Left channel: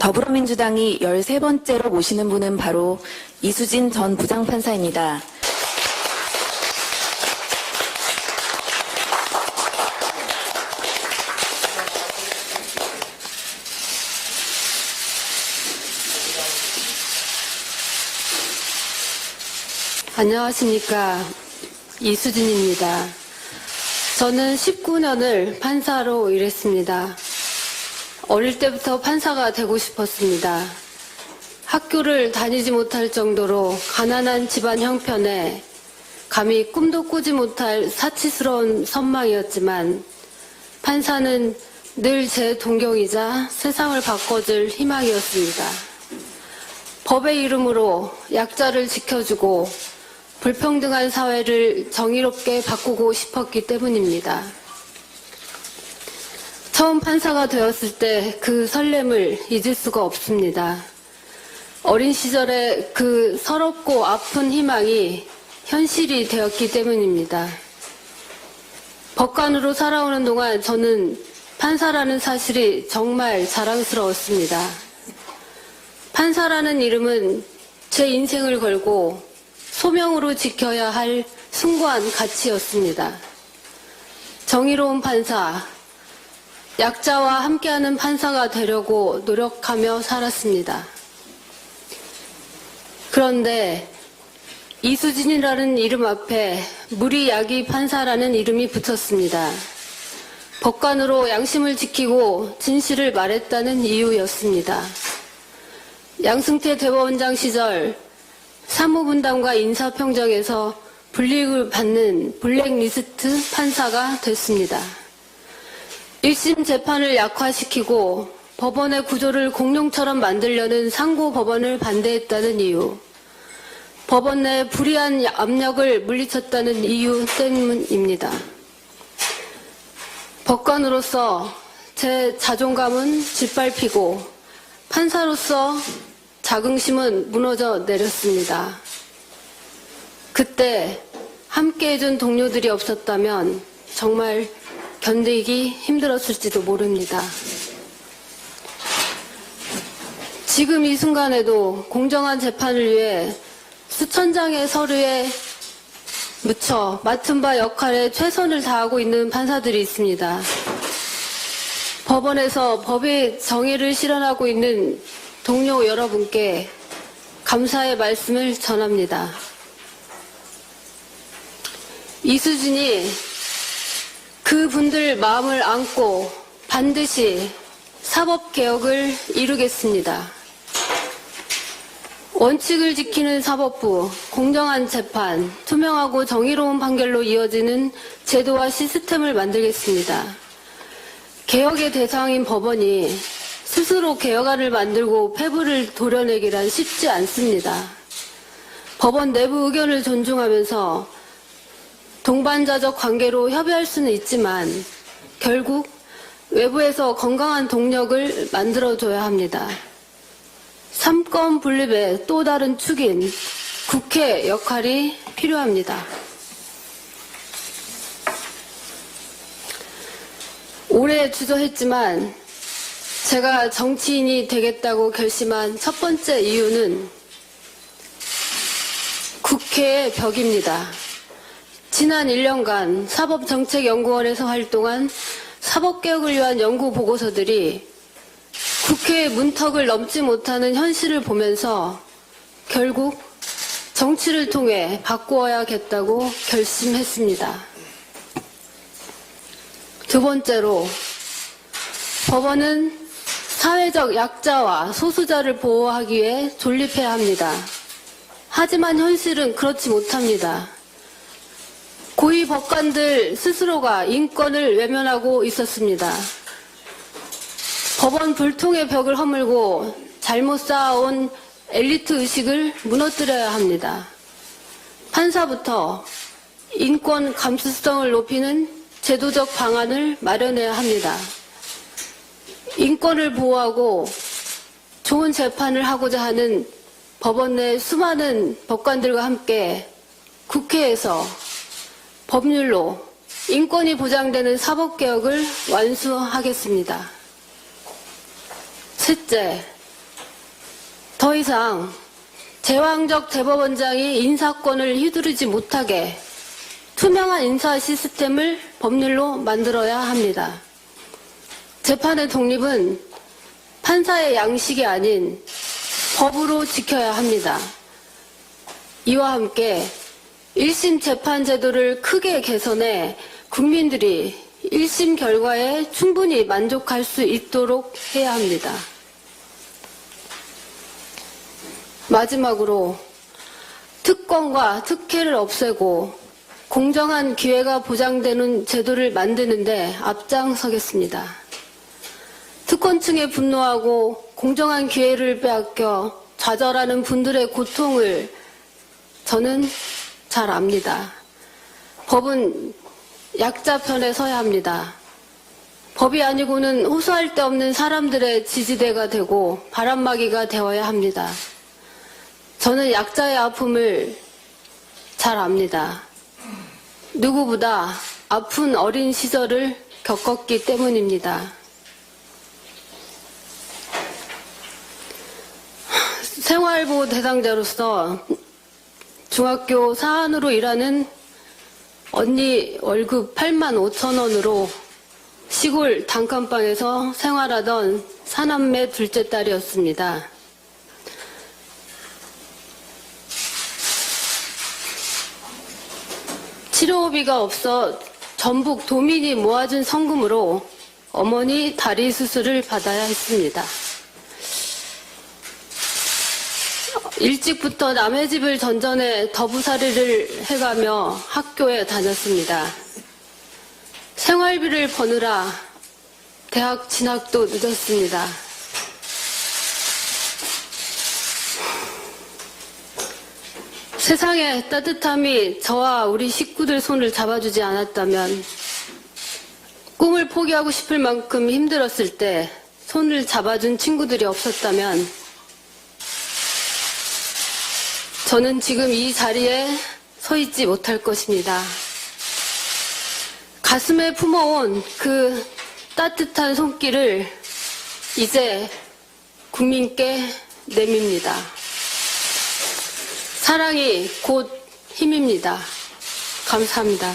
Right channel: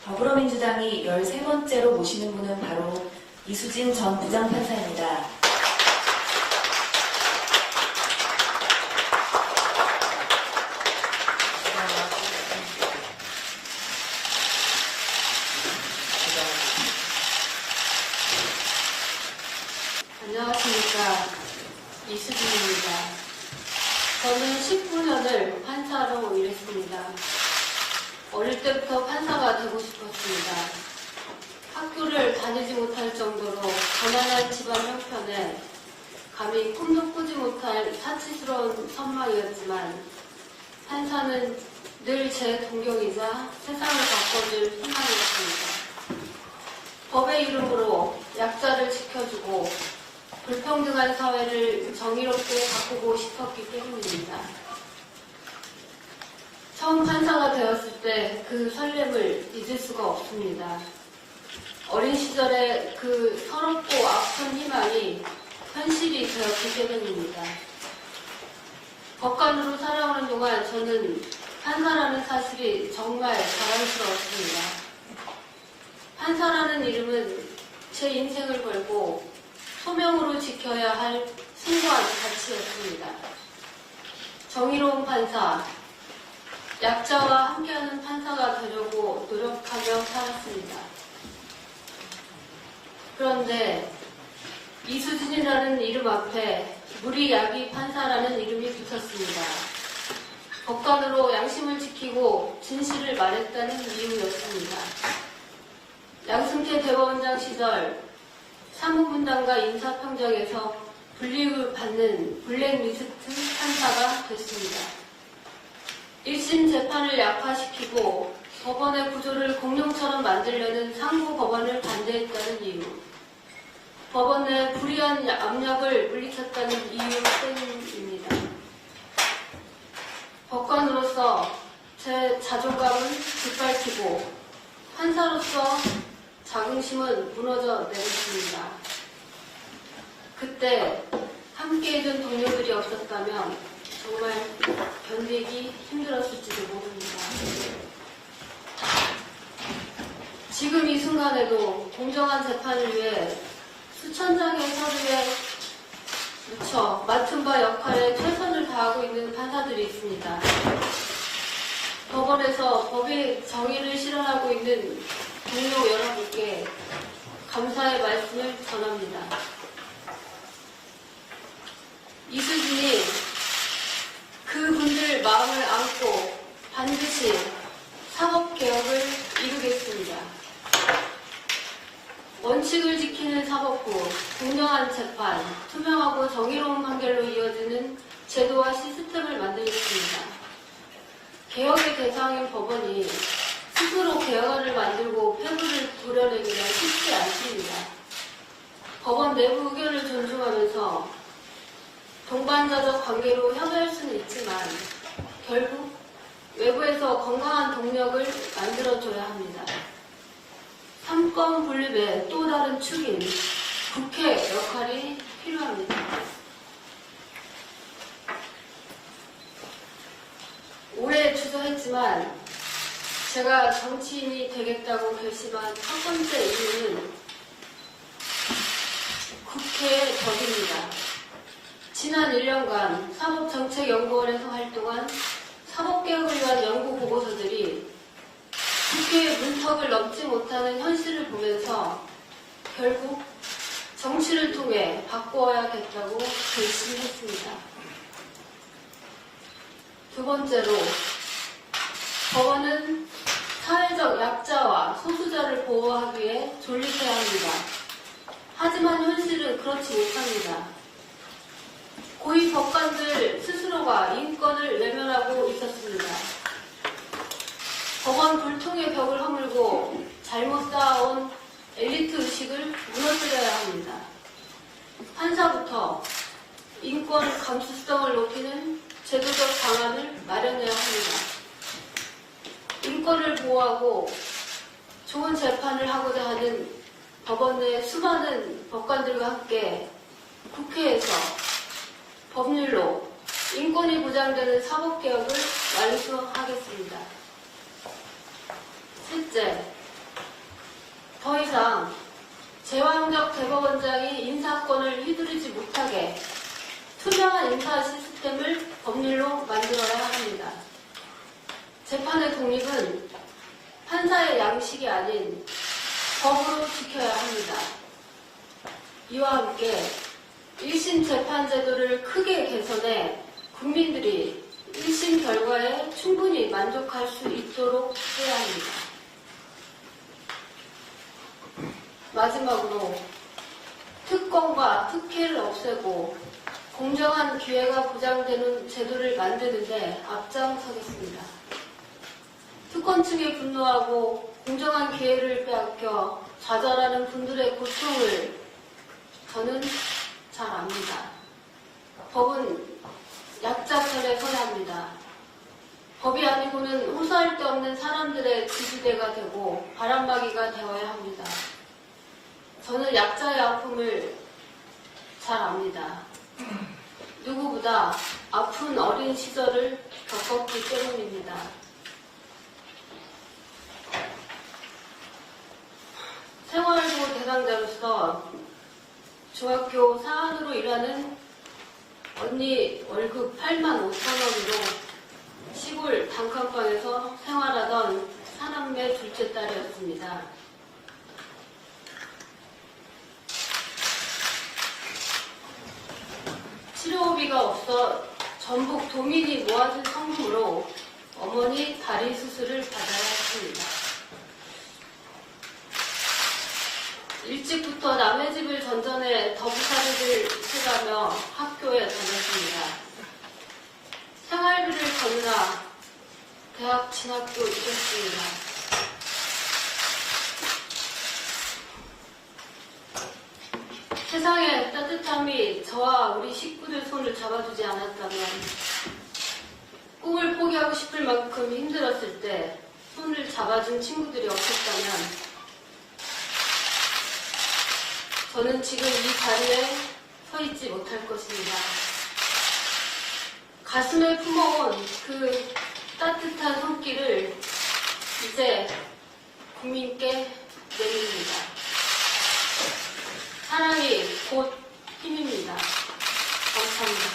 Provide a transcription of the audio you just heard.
더불어민주당이 13번째로 모시는 분은 바로 이수진 전 부장판사입니다. 안녕하십니까. 이수진입니다. 저는 19년을 판사로 일했습니다. 어릴 때부터 판사가 되고 싶었습니다. 학교를 다니지 못할 정도로 가난한 집안 형편에 감히 꿈도 꾸지 못할 사치스러운 선망이었지만 판사는 늘 제 동경이자 세상을 바꿔줄 희망이었습니다. 법의 이름으로 약자를 지켜주고 불평등한 사회를 정의롭게 바꾸고 싶었기 때문입니다. 처음 판사가 되었을 때 그 설렘을 잊을 수가 없습니다. 어린 시절에 그 서럽고 아픈 희망이 현실이 되었기 때문입니다. 법관으로 살아오는 동안 저는 판사라는 사실이 정말 자랑스러웠습니다. 판사라는 이름은 제 인생을 걸고 소명으로 지켜야 할 숭고한 가치였습니다. 정의로운 판사, 약자와 함께하는 판사가 되려고 노력하며 살았습니다. 그런데 이수진이라는 이름 앞에 무리야기 판사라는 이름이 붙었습니다. 법관으로 양심을 지키고 진실을 말했다는 이유였습니다. 양승태 대법원장 시절 사무분담과 인사평정에서 불이익을 받는 블랙리스트 판사가 됐습니다. 1심 재판을 약화시키고 법원의 구조를 공룡처럼 만들려는 상고법원을 반대했다는 이유, 법원 내 불이한 압력을 물리쳤다는 이유 때문입니다. 법관으로서 제 자존감은 짓밟히고 판사로서 자긍심은 무너져 내렸습니다. 그때 함께해준 동료들이 없었다면 정말 견디기 힘들었을지도 모릅니다. 지금 이 순간에도 공정한 재판을 위해 수천 장의 서류에 묻혀 맡은 바 역할에 최선을 다하고 있는 판사들이 있습니다. 법원에서 법의 정의를 실현하고 있는 동료 여러분께 감사의 말씀을 전합니다. 이수진이 그분들 마음을 안고 반드시 사법개혁을 이루겠습니다. 원칙을 지키는 사법부, 공정한 재판, 투명하고 정의로운 판결로 이어지는 제도와 시스템을 만들겠습니다. 개혁의 대상인 법원이 스스로 개혁안을 만들고 폐부를 도려내기란 쉽지 않습니다. 법원 내부 의견을 존중하면서 동반자적 관계로 협의할 수는 있지만 결국 외부에서 건강한 동력을 만들어줘야 합니다. 삼권 분립의 또 다른 축인 국회 역할이 필요합니다. 오래 주저했지만 제가 정치인이 되겠다고 결심한 첫 번째 이유는 국회의 벽입니다. 지난 1년간 사법정책연구원에서 활동한 사법개혁을 위한 연구 보고서들이 국회의 문턱을 넘지 못하는 현실을 보면서 결국 정치를 통해 바꾸어야겠다고 결심했습니다. 두 번째로, 법원은 사회적 약자와 소수자를 보호하기 위해 존립해야 합니다. 하지만 현실은 그렇지 못합니다. 고위 법관들 스스로가 인권을 외면하고 있었습니다. 법원 불통의 벽을 허물고 잘못 쌓아온 엘리트 의식을 무너뜨려야 합니다. 판사부터 인권 감수성을 높이는 제도적 방안을 마련해야 합니다. 인권을 보호하고 좋은 재판을 하고자 하는 법원 내 수많은 법관들과 함께 국회에서 법률로 인권이 보장되는 사법개혁을 완수하겠습니다. 셋째, 더 이상 제왕적 대법원장이 인사권을 휘두르지 못하게 투명한 인사 시스템을 법률로 만들어야 합니다. 재판의 독립은 판사의 양식이 아닌 법으로 지켜야 합니다. 이와 함께 1심 재판 제도를 크게 개선해 국민들이 1심 결과에 충분히 만족할 수 있도록 해야 합니다. 마지막으로 특권과 특혜를 없애고 공정한 기회가 보장되는 제도를 만드는데 앞장서겠습니다. 특권층에 분노하고 공정한 기회를 빼앗겨 좌절하는 분들의 고통을 저는 잘 압니다. 법은 약자 편에 서야 합니다. 법이 아니고는 호소할 데 없는 사람들의 지지대가 되고 바람막이가 되어야 합니다. 저는 약자의 아픔을 잘 압니다. 누구보다 아픈 어린 시절을 겪었기 때문입니다. 생활보호 대상자로서 중학교 사안으로 일하는 언니 월급 85,000원으로 시골 단칸방에서 생활하던 사남매 둘째 딸이었습니다. 치료비가 없어 전북 도민이 모아준 성금으로 어머니 다리 수술을 받아야 했습니다. 일찍부터 남의 집을 전전해 더부살이를 해가며 학교에 다녔습니다. 생활비를 버느라 대학 진학도 늦었습니다. 세상의 따뜻함이 저와 우리 식구들 손을 잡아주지 않았다면, 꿈을 포기하고 싶을 만큼 힘들었을 때 손을 잡아준 친구들이 없었다면 저는 지금 이 자리에 서 있지 못할 것입니다. 가슴에 품어온 그 따뜻한 손길을 이제 국민께 내밉니다. 사랑이 곧 힘입니다. 감사합니다.